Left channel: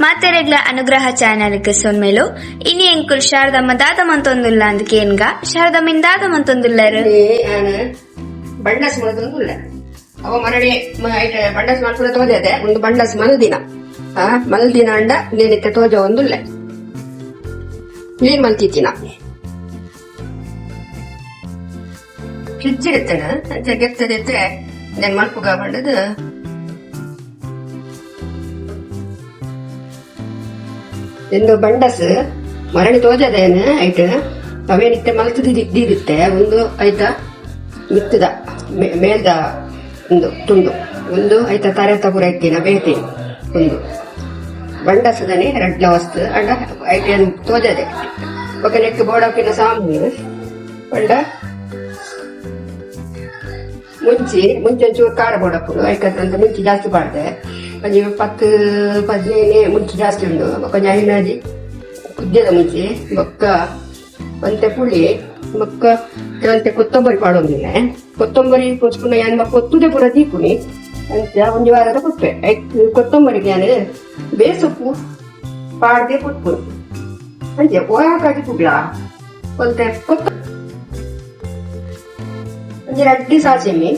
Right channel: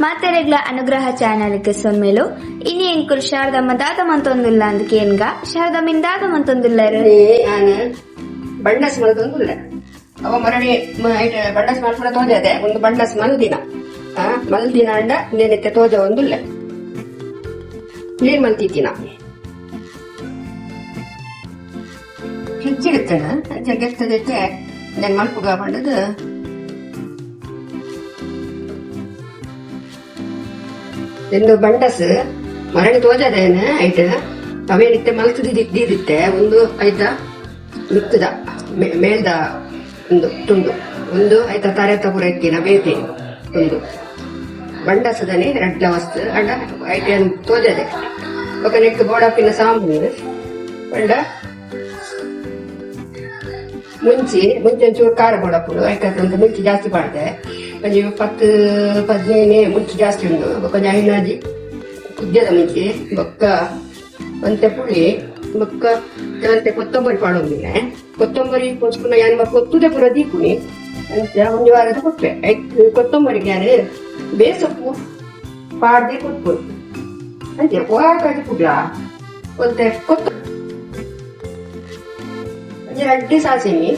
ಮಾತೆರೆಗ್ಲ ಅನುಗ್ರಹ ಚಾನೆಲ್ಗೆ ಸೊನ್ಮೇಲು ಇನಿ ಎಂಕುಲ್ ಶಾರದಮ್ಮ ದಾದ ಮಂತೊಂದುಲ್ಲ ಅಂದ್ ಕೇನ್ಗ ಶಾರದಮ್ಮ ದಾದ ಮಂತೊಂದುಲ್ಲರು ಬಂಡಸ್ ಮಂತೊಂದುಲ್ಲ ಅವ ಮರಳಿ ಬಂಡಸ್ ಮಲ್ಪುರ ತೋಜದೆ ಒಂದು ಬಂಡಸ್ ಮಲ್ದಿನ ಮಲ್ದಿನ ಅಂಡ ನೇನಿತ್ತೆ ತೋಜ ಒಂದುಲ್ಲ ಕ್ಲೀನ್ ಮಲ್ತಿತ್ತಿನ ಫ್ರಿಡ್ಜ್ ಇಡ್ತೇನೆ ಗೆತ್ತದೈತೆ ನೆನ್ ಮಲ್ಪುಗ ಬಂಡದು ಎಂದು ಬಂಡಸ್ ಮರಳಿ ತೋಜದೇನ ಐಟ್ ಅವೇನಿತ್ತೆ ಮಲ್ತದಿದ್ದಿರುತ್ತೆ ಒಂದು ಐತ ಮಿತ್ತದ ಮೇಲ್ದ ಒಂದು ತುಂಡು ಒಂದು ಐತ ತಾರೆ ತಗುರ ಎಕ್ಕಿನ ಬೇತಿ ಒಂದು ಬಂಡಸದನೆ ರಡ್ಲ ವಸ್ತು ಅಂಡ ಐಟೇನು ತೋಜದೆ ఒక నెక్కు ಬೋಡಾಪಿನ ಸಾಂಬು ಬಂಡ ಮುಂಚೆ ಒಂಚೂರು ಖಾರ ಬೋಡಾಪುಡು ಯಾಕಂದ್ರೆ ಮುಂಚೆ ಜಾಸ್ತಿ ಮಾಡಿದೆ కొంచెం 10-15 ಮುಂಚೆ ಜಾಸ್ತಿ ಉಂಡು కొంచెం ಐನಾಜಿ ಉದ್ಯದ ಮುಂಚೆ ಬೊಕ್ಕ ಒಂತೆ ಪುಳಿ ಬೊಕ್ಕ ಅಂತೆ ಕೊತ್ತಂಬರಿ ಪಾಡೋದಿಲ್ಲ ಕೊತ್ತಂಬರಿ ಕೊಚ್ಕೊಂಡು ಏನು ಕೊತ್ತುದೆ ಪುರ ದೀಕುನಿ ಅಂತ ಒಂದು ವಾರದ ಕೊಟ್ಟೆ ಕೊತ್ತಂಬರಿಗೆ ನಾನು ಬೇಸೊಪ್ಪು ಪಾಡದೆ ಕೊಟ್ಟು ಅಂತೆ ಹೋಗಾಕಾಗಿ ಪುಡ್ಲ ಒಂತೆ ಕೊತ್ತ ಒಂದು ರಡ್ಡಿ ಸಾಸಿಮಿ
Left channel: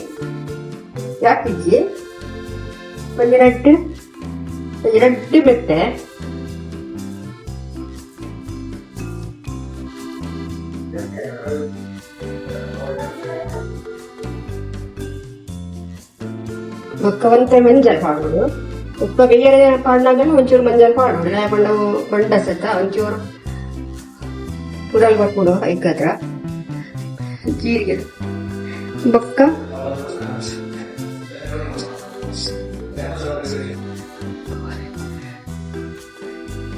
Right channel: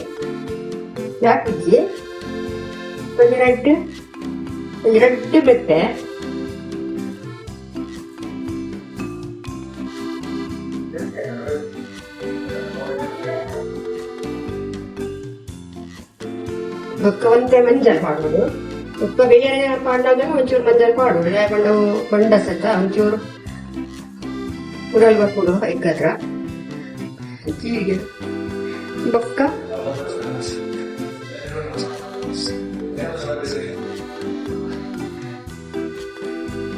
ಯಾಕಿಜ್ಜಿ ಒಂದು ರಡ್ಡಿ ಮೆತ್ತೆ ఒక్క వంతే మంజల్ పాడు ఒక్క వేరే పాడినాక ಒಂಚೂರು ಮಂಜಲ್ ಪಾಡು ಪಂಡ ಬಂಡಸತ್ತ ಒಂಚೂರು ಪುರಲ್ ಬಪ್ಪುಡು ಐಕದ್ರ ಜೀರಿಗೆ ಬೊಕ್ಕ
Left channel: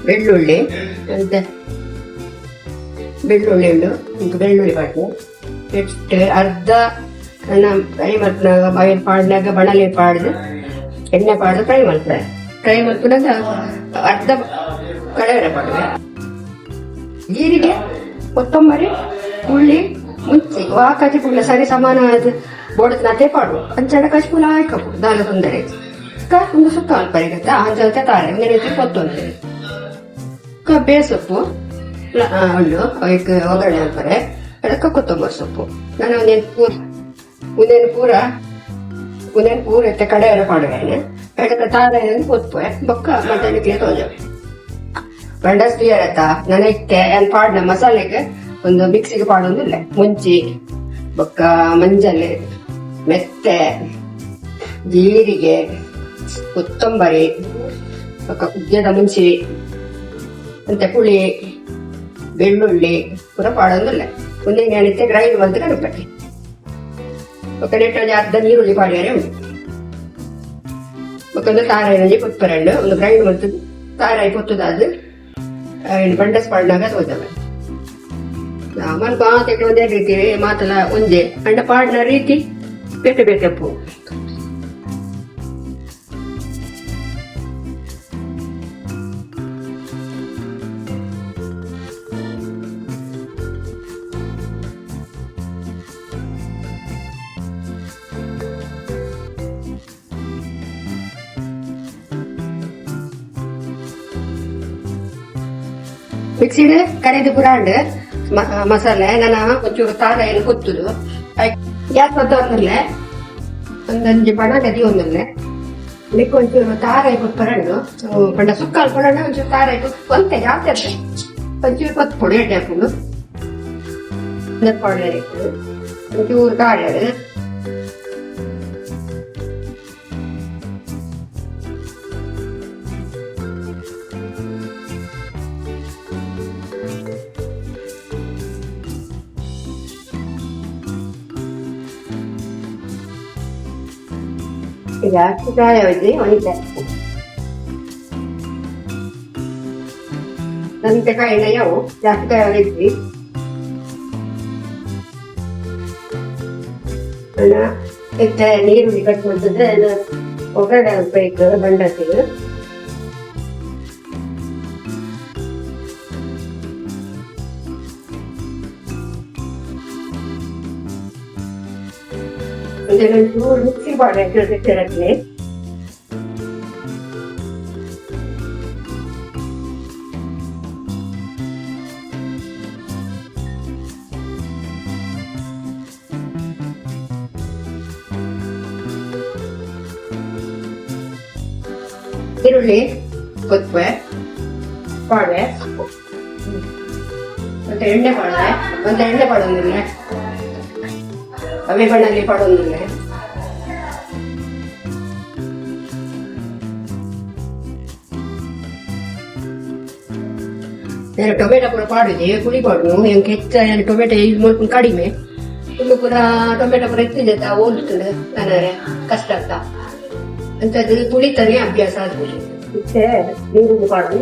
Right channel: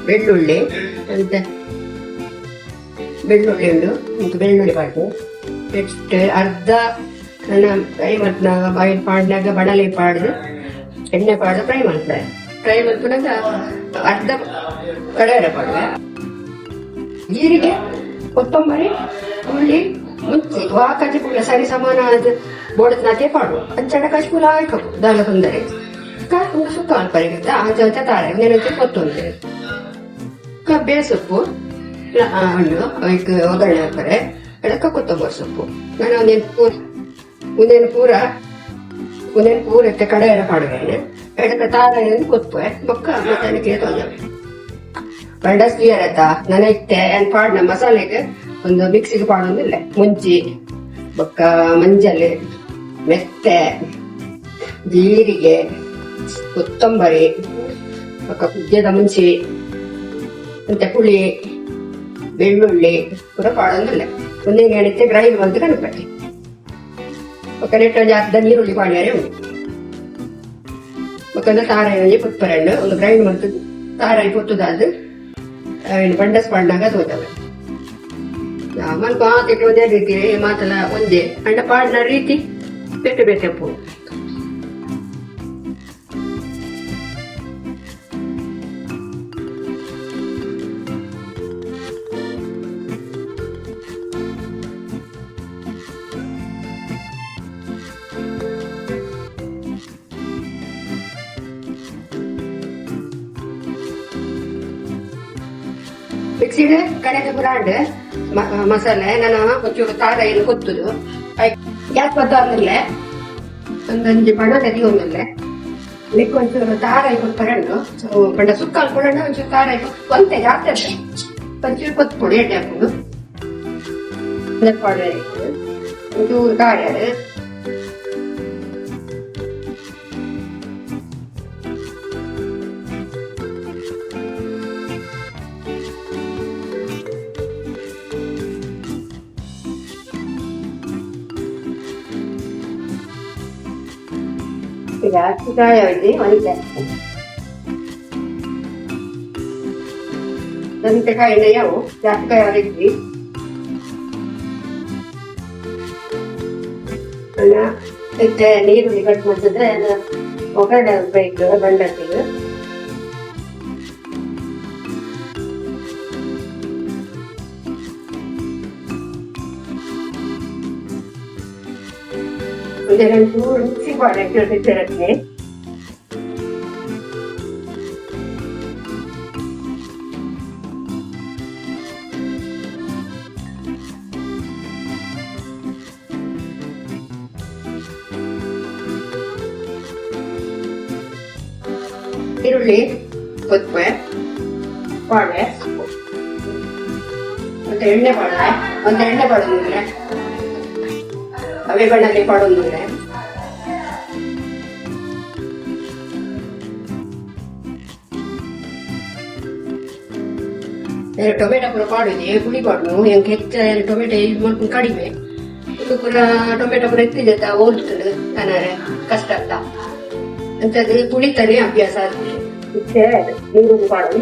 ಬೆಳ್ಳುಳ್ಳಿ ಅಂತ ಬೆಳ್ಳುಳ್ಳಿ ಉಂಡು ಬೆಳ್ಳುಳ್ಳಿ ಪಾಡು ನೆಕ್ಸ್ಟ್ ಅರ್ಧ ಫ್ರೈ ಮಾಡ್ತಾಗ ಬಾಯಿಲ್ ಪಾಡ್ನಾಗ ಬಣಲೆ ಪಾಡ್ದು ಎಣ್ಣೆ ಪಾಡ್ದು ಫ್ರೈ ಮಾಡ್ತಾರೆ ಫ್ರೈ ಮಾಡ್ಕೊಂಡಾಗ ಅರ್ಧ ಕಡಲೆ ಪಾಡ್ವೆ ಜೀರಿಗೆ ಕೊತ್ತಂಬರಿ ಉಳ್ಳಿ ಮುಂಚೆ ವಾಕಾಜಿ ಪುಲ್ಲ ಸರಿ ಸಮಾನ ಅದು ಬೋಡದ ನಾತೆ ಪಾಡು ಅಂಚಡ ಕಚ್ಪುಲ ಹಾಕಬೇಕು ದಾಲ ತೊಂದರೆ ಒಂದು ಸುತ್ತ ಅಲ್ಪರಿಗುತ್ತೆ ಆಚೆ ತಾಳೆ ನೆನೆಸಿ ಕೊತ್ತೊಂದರೆ ಬೇಸೊಪ್ಪು ಹಣ್ಣು ಅದಕ್ಕೆ ಒಗ್ಗರಣೆ ಹಾಕ್ತಾರೆ ಅದಕ್ಕೆ ಕೊತ್ತಂಬರಿ ಸೊಪ್ಪು ನಾನು ಒಂದೇನು ಪೂರ ಇತ್ತೆ ಕಡೆ ಎಲ್ಲ ಪಾಡುವೆ ಅದಕ್ಕೆ ತಾಳೆ ಕೊತ್ಪೆ ಬೊಕ್ಕ ಮತ್ತೆ ತೋಜವೆ ಬಂಡಸ್ ಕ್ಲಿಯರ್ ನನ್ನ ಇತ್ತೆ ಏನು ಪಾಡಿನ ಮಸಾಲೆಗೆ ಒಂದು ಮಿಕ್ಸಿಗೆ ಪಾಡೋದಿಲ್ಲ ಮುಂಚಿ ಬೊಕ್ಕ ಮಂಜಲ್ ಮೆತ್ತೆ ಜೀರಿಗೆ ಕೊತ್ತಂಬರಿ ಬೊಕ್ಕ ಕುಜ್ಜದ ಮುಂಚಿ ಮತ್ತೆ ಪುಳಿ ಬೆಳ್ಳುಳ್ಳಿ ಪೂರ ಪಾಡೋದಿಲ್ಲ ಒಂದೇ ಗಣಿತೆ ಗ್ರೈಂಡ್ ಬಂದು ಕಣಪಟ್ಟಿ ఒక నెట్ అర్ధ నీరుಳ್ಳಿ ಪಾಡ್ಯಾರೆ ಉಂಟು ಒಂದು ತಾರಾಯಿ ಕೊತ್ತರಣ್ಣು ಒಂದು ಗ್ರೈಂಡ್ ಮಾಡ್ತದೆ ತಾರಾಯಿ ಕೊತ್ತದಾದ ಬಂಡಸ್ ಪಾಡ್ನಾಗ ತೋತವೆ ಆಮೇಲೆ ಮಾತಕ್ಕೆ ಒಂದೇ ರೀತಿ ಮಾತಲ್ಲ ಒಂದೇ ಅಂಡ ಪಾಡ್ನ ರೀತಿ ಬೇಟೆ ಬೇಟೆಪ್ಪು ಮಿಕ್ಸಿಡ್ ಕರೆದು ಪುರಾಂಡ್ ಮಸಾಲೆ ನಾನು ಒಂಚೂರು ಖಾರ ಏನು ಕೊತ್ತುದು ಗ್ಯಾಸ್ ಪದ್ದಲ್ಲೇ ಒಂದೊಂದು ಬಣ್ಣದ ಒಂದಲ್ಲೇ ಮಿಕ್ಕ ಒಂಚೂರು ಖಾರ ಕೊತ್ತರಂಡು ಪಂಡ ಸುಕ್ಕ ಅನ್ಕೊಂಡ ಒಂಚೂರು ಖಾರ ಒಂತೆ ಜಾಸ್ತಿ ಅಷ್ಟೇ ಒಂಚೂರು ಕೊತ್ತು ಪುಡಿ ಎಣ್ಣೆ ಹಾಕೊಂಡು ನೆಪ್ಪಾಡು ಒಂಚೂರು ಖಾರ ಜಾಸ್ತಿ ಕಾಯ ಹೊಯ್ದು ಒಣತೆ ನಂತೆ ಕಾಯಿನ ಯಾವ ಜಾಸ್ತಿ ಕಾಯ ಹೊಡಿದ್ವಿ ನೀರುಳ್ಳಿ ಕಟ್ ಮಾಡಿದ್ರೆ ಅದು ಒಗ್ಗರಣೆ ಬೇಕು ಬಂಡಸಿಗೆ ಒಂದೆರಡು ಮಿಕ್ಸಿ ಮಾಡಿ ರಚನೆ ಈರುಳ್ಳಿ ಕೊತ್ತಂಬರಿ ಬಾಳೆ ಮತ್ತೆ ಎಣ್ಣೆ ಬಾಳೆ ಒಂದು ಎಣ್ಣೆ ಬಾಡೋದಿಲ್ಲ ಅವೇ ಬಣ್ಣಲ್ಲಿ ಬಾಡೋದಿಲ್ಲ ಟೊಮೆಟೊ ಪೂರ ಪಾಡುದು ಪುಳಿ ಪಾಡು ಹೆಂಗೆ ಹೆಚ್ಚ ಟೊಮೆಟೊ ಯೂಸ್ ಮಾಡ್ಕೊಂಡು ಕಡಿಮೆ ಇದು ಪೂರ ಟೊಮೆಟೊ ಪೂರ ಎತ್ತಿದೆ ಹೋಲ್ತದೆ ನಾನು ಕಷ್ಟ ಅಂತ ಅಂತದ್ದು ಪುಳಿತಾನೆ ಅಭ್ಯಾಸ ಆಗಿದೆ ನೀರು ಪಾಡು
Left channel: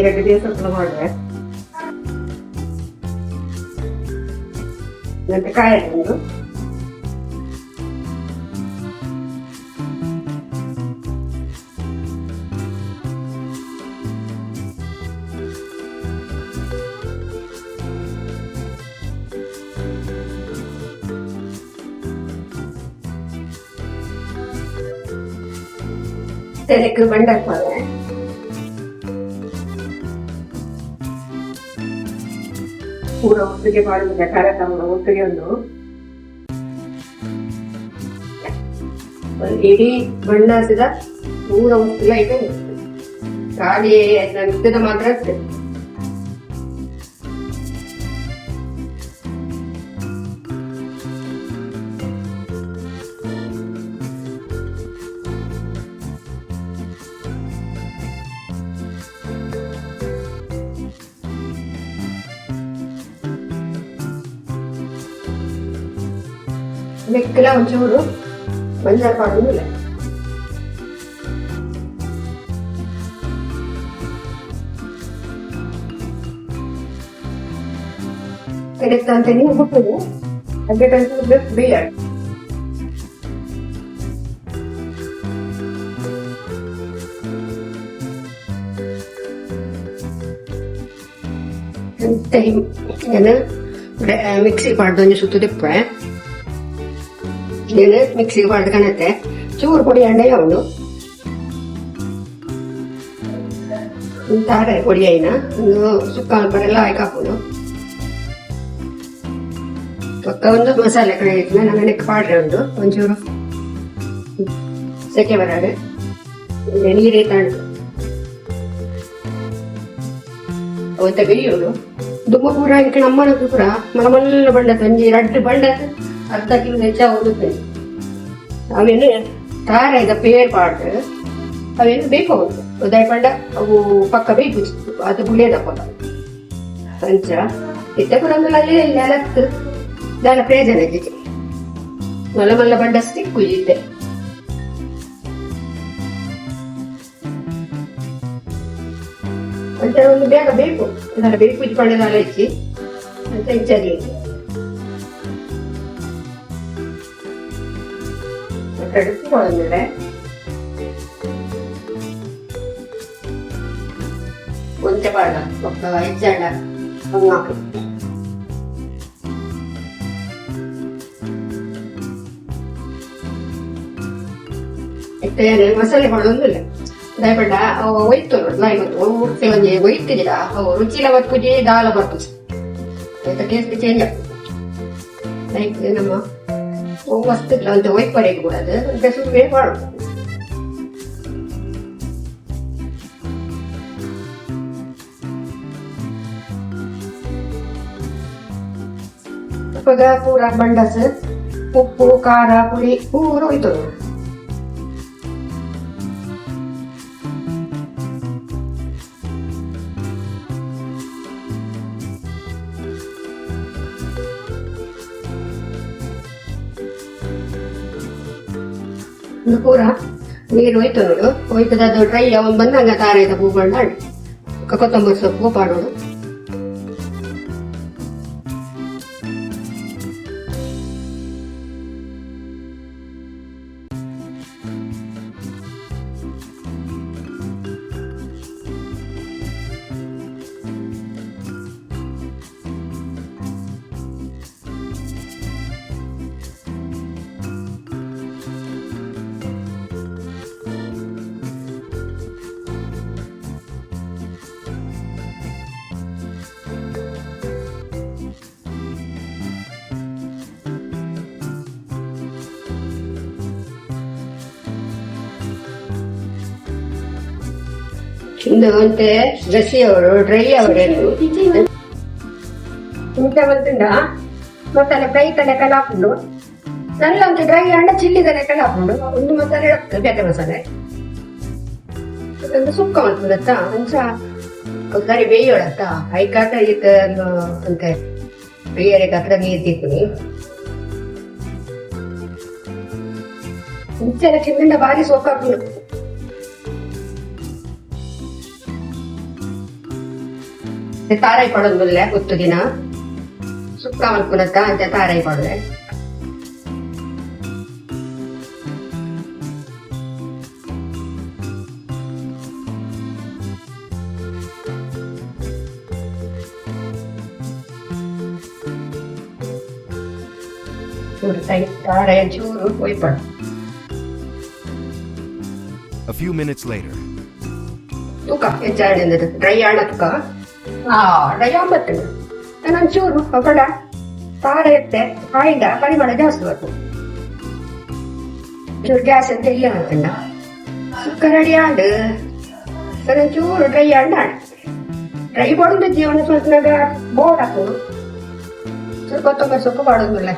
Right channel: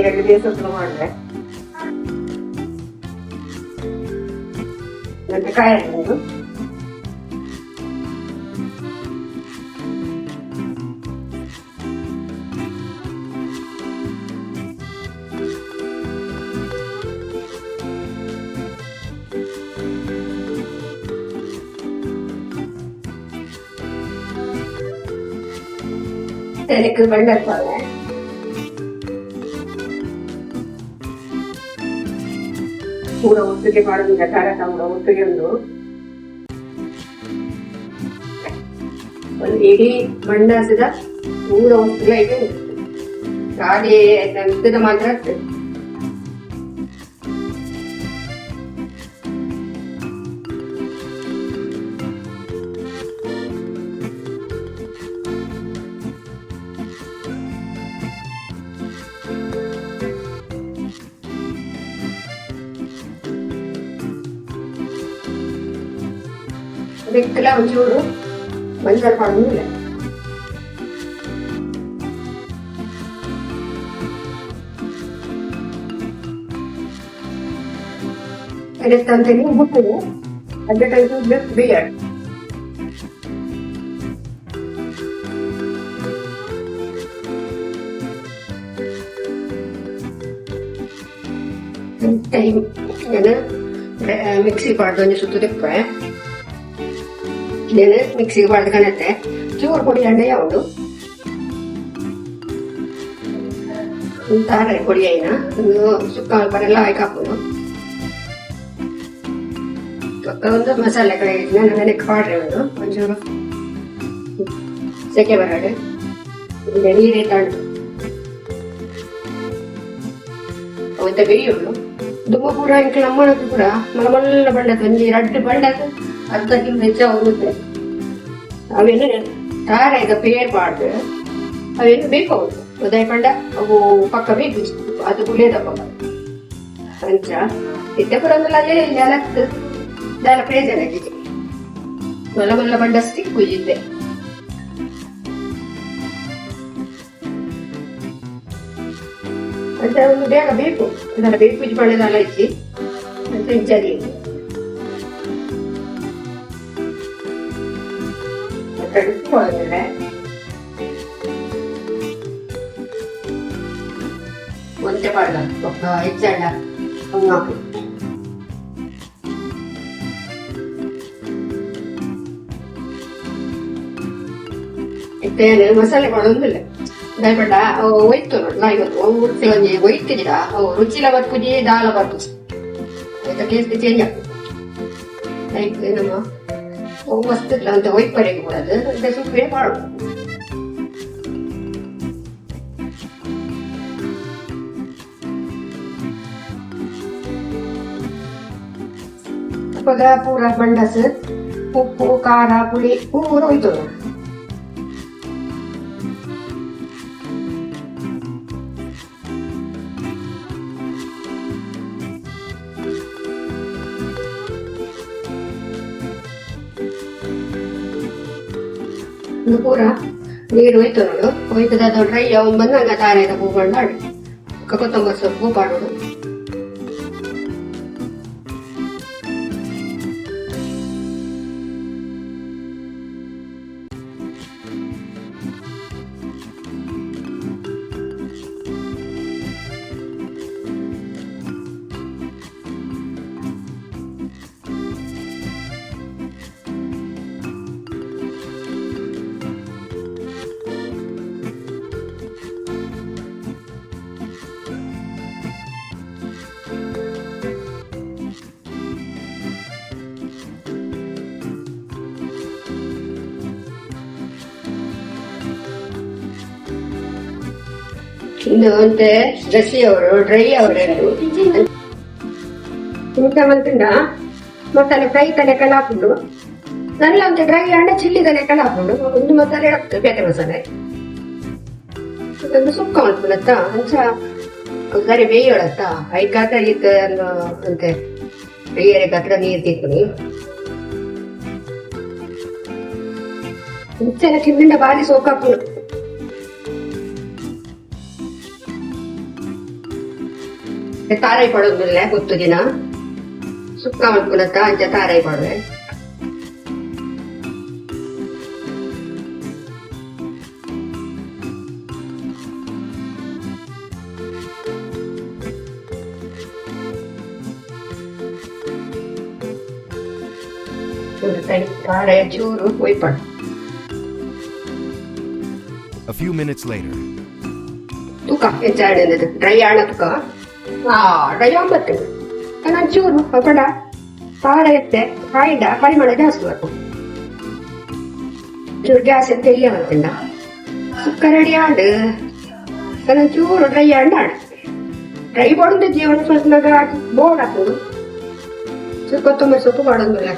ಎರಡು ದಿವಸ ಮಾಡಿದ್ರೆ ಮತ್ತೆ ಕಾಯಿ ಹಾಕೊಂಡು ತೆನೆക്ക് ಬಂಡಕ್ಕಾಗ ಪೂರ ಒಟ್ಟಿಗೆ ಮಾಡೋದಿಲ್ಲ ಕಾರ್ಯಕ್ರಮ ಒಟ್ಟಿಗೆ ಒಂದು ಇಡೀ ಬಣ್ಣ ಹಸಿದ ಪೂರ ಒಟ್ಟಿಗೆ ಇದೆ ಗಾಳಿ ಹಸಿದ ಮಾತ್ರ ಆಗ್ತದೆ ಬೆಕ್ಕಲ ಒಂಚೂರು ಮಂಜಲ್ ಮಾಡೋದಿಲ್ಲ ತಂತೇನೆ ಉಪ್ಪು ಅದಕ್ಕೆ ಬೇಡ ಮಿಕ್ಸಿ ಮಾಡ್ದು ಸುತ್ತು ತೆಪ್ಪೆ ಮಿಕ್ಸಿ ಮಾಡ್ಕೊಂಡತ್ತೆ ಚೂರು ಪುಡಿ ಅಂಡೆ ಅವನು ತಾರೆ ಪುಡಿ అయినా ಸುಕ್ಕ ಬರೆಲ್ಲ ಹಾಕೊಂಡು ಪಕ್ಕ ಒಂದು ಮಸಾಲೆ ಕಡೆ ಇಟ್ಟು ನನಗೆ ಪಾಡ್ರೆ ಉಂಟು ಒಂಚೂರು ಸೆಕೆ ಬರಡೆ ನೀರೇ ತಂಡು ಅವತ್ತ ಬೇಯೋದು ದುಮ್ಮ ಪೂರ ಇಟ್ಟು ನಮ್ಮನಕ್ಕೂ ಕೂಡ ಮಲಮಲ್ಲ ಬಂಡದ ಒಂಜಿ ರಡ್ಡು ಬಂಡದ ಅರ್ಧ ಕಿಲೋ ಹೆಚ್ಚ ಹೋಗುತ್ತೆ ಅವೇನು ಕಾರ ಈಗ ಪೇರ್ ಪಾಡ್ದು ಅವೇನು ಬೇಕು ಉದಯ ಪಂಡ ಅವು ಪಕ್ಕ ಬೇಕು ಅದು ಬುಳಿಯದ ಪಕ್ಕ ಪಂಚ ಇತ್ತೆ ಪುರಂದರಲ್ಲೇ ನೆಲಕ್ಕೆ ದಾನ ಪ್ರಯೋಜನಕ್ಕೆ ಮಲ್ಲ ಮಲ್ಲ ಬಂಡಸ್ತಿ ಕುಯ್ದಿದ್ದೆ ಮತ್ತೆ ಒಂದು ಬೇಗ ಬೇಕು ಅದರ ಬೇಕು ಇದು ಪಂಡದಾಲ ಹೆಚ್ಚಿ ಮತ್ತೆ ಹೆಚ್ಚಾಗಿ ಕಡಿಸ್ಕೊಂಡ್ಮೇಲೆ ಒಂದೇ ಪಾಡ ಒಬ್ಬ ಹೆಚ್ಚಾಡ ಹಾಕಿ ಇತ್ತೇನೆ ಮಸಾಲೆ ಮಾಡೋದಿಲ್ಲ ದಯಪಡ್ಡ ಅವು ಒಯ್ತು ನೋಡಿ ಇವತ್ತು ಒಂಜಿ ಒಯ್ತಿದ್ದೀರ ಅವು ರುಚಿಲ ಮತ್ತು ಕುದಿ ದಾಲ ಬರ್ತದೆ ಆಯ್ತಾ ಟೇಸ್ಟ್ ಚೇಂಜ್ ಆಗ್ತದೆ ನಮ್ಮ ಮಸ್ತ್ ಇಲ್ಲ ಅಂತ ಒಯ್ಟ್ ಬರೆಯಕ್ಕೆ ಕೂಡದು ಅಂತ ಸುಮ್ಮನೆ ಮಾಡು ಪೂರ ಬಂಡಸ್ ಉಪ್ಪು ಖಾರ ಪುಡಿ ಪೂರ ಹೋಯ್ತು ಪೂರ ನೀರು ಹೋಯ್ತು ನೋಡು ಹೋಯ್ತದ ಅದು ಡ್ರೈ ಅವ್ನು ಬಂದಂಗ ತಾರಾಯ್ತ ಹೂಗಳು ಹಾಡು ಕೊತ್ತಂಬರಿ ಸೊಪ್ಪು ಪಾಡೋಡು ಇಂದು ಅಂತೆ ಡ್ರೆಸ್ಸಿ ಅವರು ಡ್ರೈ ಅವರೆಂದು ಊಟ ಬಂತುಂಡ ಮಸಾಲೆ ಫ್ರೈ ತಲೆ ಕಲಾಪುಂಡು ನಲ್ಲ ಅಂತ ಡ್ರೈ ಅಂಡ ಚಿಲ್ಲಿ ತಲೆ ಕಲಾಪುಂಡು ಒಂದು ಮಸಾಲೆ ಇಡತ್ತು ಬೇಟೆ ಮಸಾಲೆ ಒಂದು ಸುಕ್ಕ ಮಾಡ್ಕೊಂಡತ್ತ ಅಂಚ ಸರಿ ಬೇಯೋಳತ್ತ ಐಕಾಕ ಇತ್ತ ಅಂತೆ ಬೇಯರೆ ಕತ್ರ ನೀರು ತಿಕ್ಕುನಿ ಮುಚ್ಚೆಲ್ಲ ಚಿಮ್ಮಿಂದ ಭಾರಿ ಸೊಕ್ಕಾಪುಂಡು ತಾರಾಯಿ ಪಡೋದಿಲ್ಲ ಗೊತ್ತು ದಿನ ಸುಕ್ಕ ಮಾಡ್ಕೊಳತ್ತ ಅಂತ ತಾರಾಯಿ ಪಡವೆ ತಾರಾಯ ಚೂರು ಹೋಯ್ಪಡ. A few minutes later. ತೂಕ ಹೆಚ್ಚಾಡಿನದು ಡ್ರೈ ಆಣ ತೂಕ ಡ್ರೈ ಒಂಬತ್ತು ನಾನು ಚೂರು ಪಡ ಖಾರ ಎತ್ತೆ ಕಾಯಿದ ಪರಿಮಳ ಜಾಸ್ತಿ ಬರ್ತು ಚೂರು ಗ್ಯಾಸ್ ಎತ್ತೆ ಇಲ್ಲ ಬರ್ತಿಲ್ಲ ಸುಕ್ಕ ರೆಡಿ ಆಡು ನಾನು ಚೂರು ಡ್ರೈ ಆಂಡ ಆಡು ಡ್ರೈ ಪಡೋದು ಜೀವನ ಸ್ವಲ್ಪ ಬೋರ್ ಹಾಕೋದು ಚೂರು ಕೊತ್ತಂಬರಿ ಸೊಪ್ಪು ಪಡೋದಿಲ್ಲ